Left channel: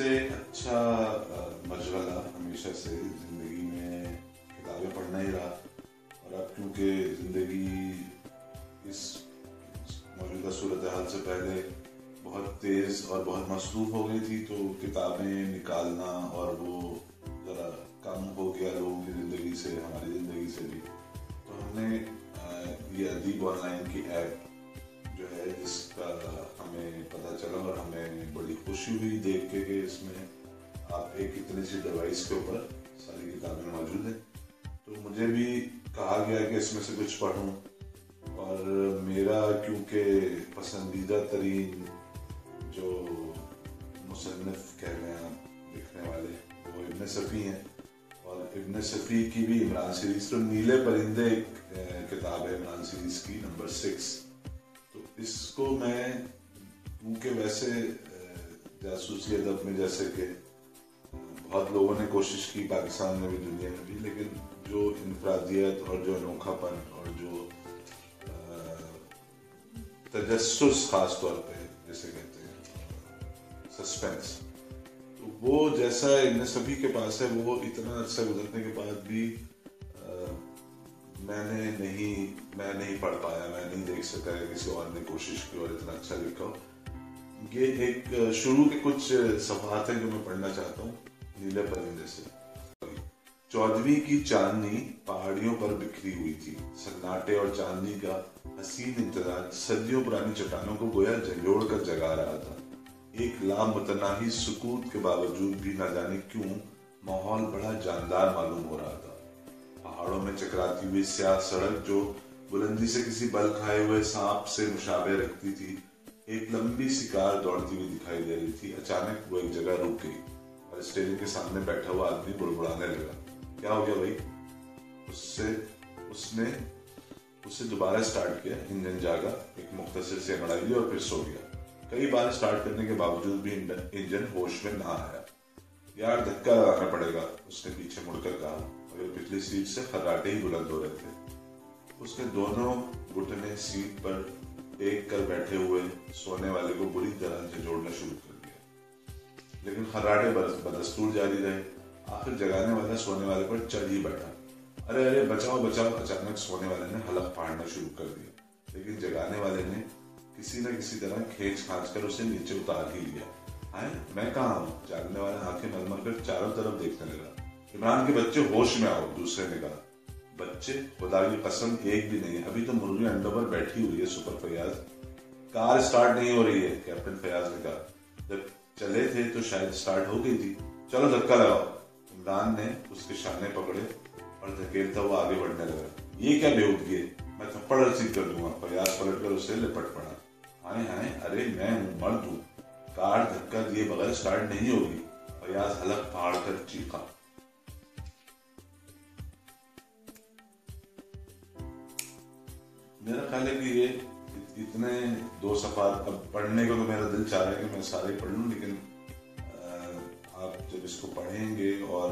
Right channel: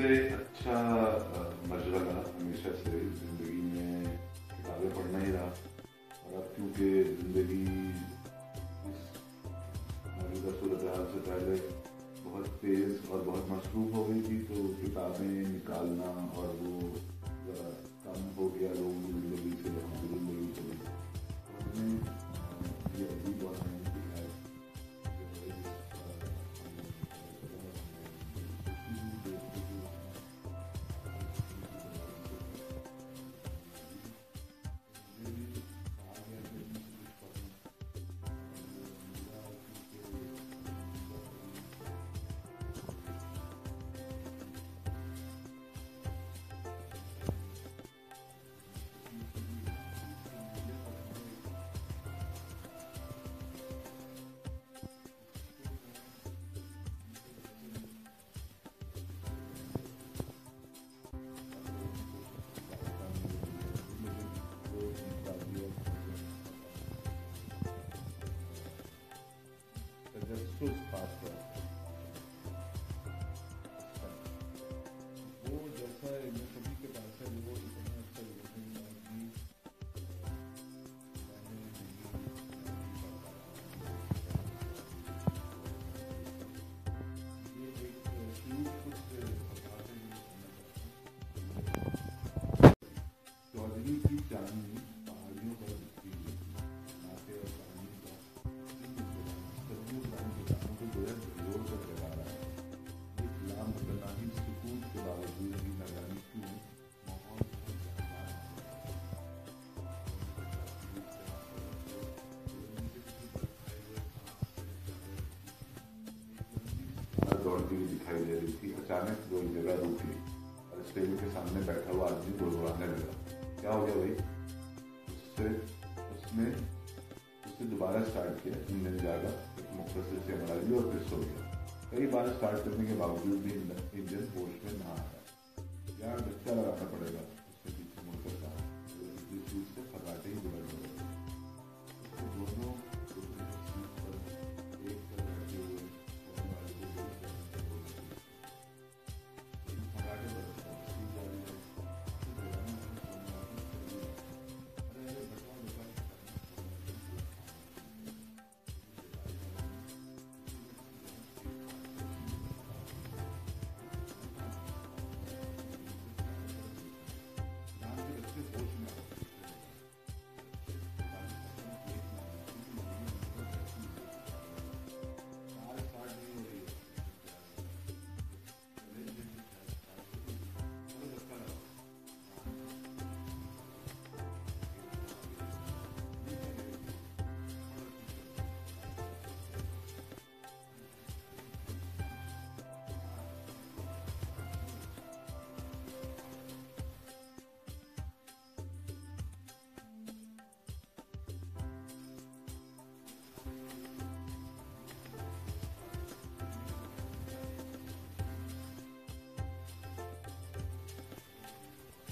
सबसे अच्छा मशगला हमेशा से ज़िंदगी में किताबें पढ़ना ही रहा। और अब क्योंकि ज़िंदगी इस मौजूदा सूरत हाल से पहले बहुत तेज़ और बहुत मसरूफ़ हो गई थी, तो किताबें निकालना और वो ज़रा कम हो गया लोगों की ज़िंदगी से, हमारी ज़िंदगी से भी। तो हमने ये अदीब ऑनलाइन की ऐप जो है इसका हमें पता चला और हमें बड़ी खुशी हुई देख के कि इसमें आप एक इतनी सी डिवाइस के ऊपर सारी किताबें मौजूद हैं। तो मुझे भी कहा गया कि इसमें से कुछ पढूं, और मेरा क्योंकि पसंदीदा तरीन जो मुसन्निफ कह रहे हैं लिखने वाले वो इब्न सफ़ी हैं, और इब्न सफ़ी की भी इमरान सीरीज़, तो नीले परिंदे किताब है इमरान सीरीज़ की नंबर 6। तो इसको मैं क्योंकि वैसे जासूसी अदब में जैसे कि बहुत लोगों ने कोशिश की पाकिस्तान में भी दुनिया में भी, लेकिन जो इनफरादियत और जो अनोखापन और जो तजस्सुस खास तौर पे जैसे कहते हैं सस्पेंस, तो वो जैसा इब्न सफ़ी के पास है वो इतना अर्सा गुजरने के बाद भी मैं नहीं पढ़ पाया, मैं नहीं देख सका है किसी और ने कोशिश की और इतना अच्छा लिखा हो। ये एक शुरू के कुछ सफ़हात हैं जो मैं पढ़ना चाहता हूँ नीले परिंदे से। 14वीं की चांदनी पहाड़ियों पर बिखरी हुई थी। सन्नाटे और चांदनी का हसीन इंतजार सदियों पुरानी चट्टानों को गोया झंझोड़ कर जगा रहा था। एक लामतनाही सुकूत के बावजूद भी न जाने क्यों माहौल बड़ा जानदार मालूम हो रहा था। पहाड़ों में चकराती हुई स्याह सड़क जो बुलंदी से किसी बल खाए हुए सांप से मुशाबे रखती थी, एक लंबी सी कार दौड़ती हुई दिखाई दे रही थी। अचानक वो एक जगह रुक गई और स्टेरिंग के सामने बैठा हुआ आदमी बुड़बुड़ाने लगा। क्या हो गया भाई? उसने उसे दोबारा स्टार्ट किया। इंजन जागा, एक मुख्तसर से मड़ाई ली और फिर सो गया। कई बार स्टार्ट करने के बावजूद भी इंजन होश में ना आया। यार धक्का लगाना पड़ेगा, उसने पीछे मुड़कर कहा, मगर पिछली सीट से खर्राटे ही बुलंद हो रहे थे। उसने दोनों घुटने सीट पर टेक कर बैठे हुए सोने वाले को बुरी तरह से जोड़ना शुरू कर दिया, लेकिन खर्राटे बदस्तूर जारी रहे। आखिर जगाने वाला सोने वाले पर चढ़ ही बैठा। अरे अरे बचाओ बचाओ! अचानक सोने वाले ने हलक फाड़ना शुरू कर दिया, लेकिन जगाने वाले ने किसी न किसी तरह खींच खांच कर उसे नीचे उतार ही लिया। हाय, मैं कहाँ हूँ? जागने वाला आंखें मलमल कर चारों तरफ देखने लगा। इमरान के बच्चे, होश में आओ, दूसरे ने कहा। बच्चे? खुदा की कसम एक भी नहीं है, अभी तो मुर्गी अंडों पर बैठी हुई है। सुपर फयाज, कार स्टार्ट नहीं हो रही है, कैप्टन फयाज ने कहा। जब चले थे तो शायद स्टार्ट हो गई थी। चलो धक्का लगाओ। इमरान ने उसके शाने पकड़े और धकेलता हुआ आगे बढ़ने लगा। ये क्या बेहूदगी है, मैं थप्पड़ रसीद कर दूंगा। फयाज पलटकर उसे लिपट पड़ा। हाय हाय, अरे मैं हूँ, मर्द हूँ, कार धक्का दिए बगैर स्टार्ट नहीं होगी। फयाज हलक फाड़ कर चीखा। मेरा ख्याल है कि ये इतने 2 सफ़ात अब पढ़ने को तो मेरा दिल चाह रहा है कि मैं सारे पढ़ लूँ, लेकिन आप जब इसको पढ़ेंगे और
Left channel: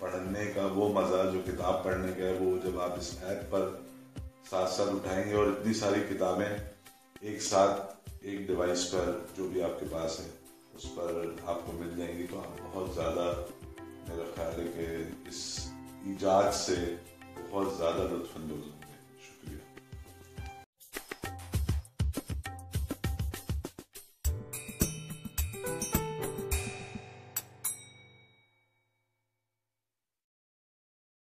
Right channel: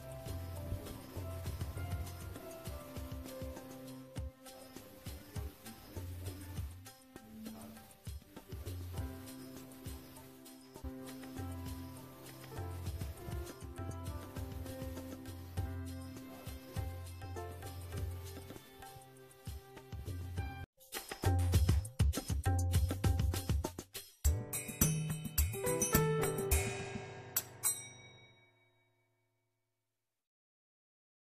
पढ़ने का वो मज़ा जो किताब पढ़ने का है, वो जब आप इस ऐप पर साथ साथ उठाएंगे और इतनी सारी किताबें एक साथ एक डिवाइस पर जो भी आपके पास है उस पर आपको मिल जाएंगी, तो आप बहुत ज़्यादा, मेरा ख्याल है कि इस ईजाद से बहुत ज़्यादा लुत्फ़ अंदोज़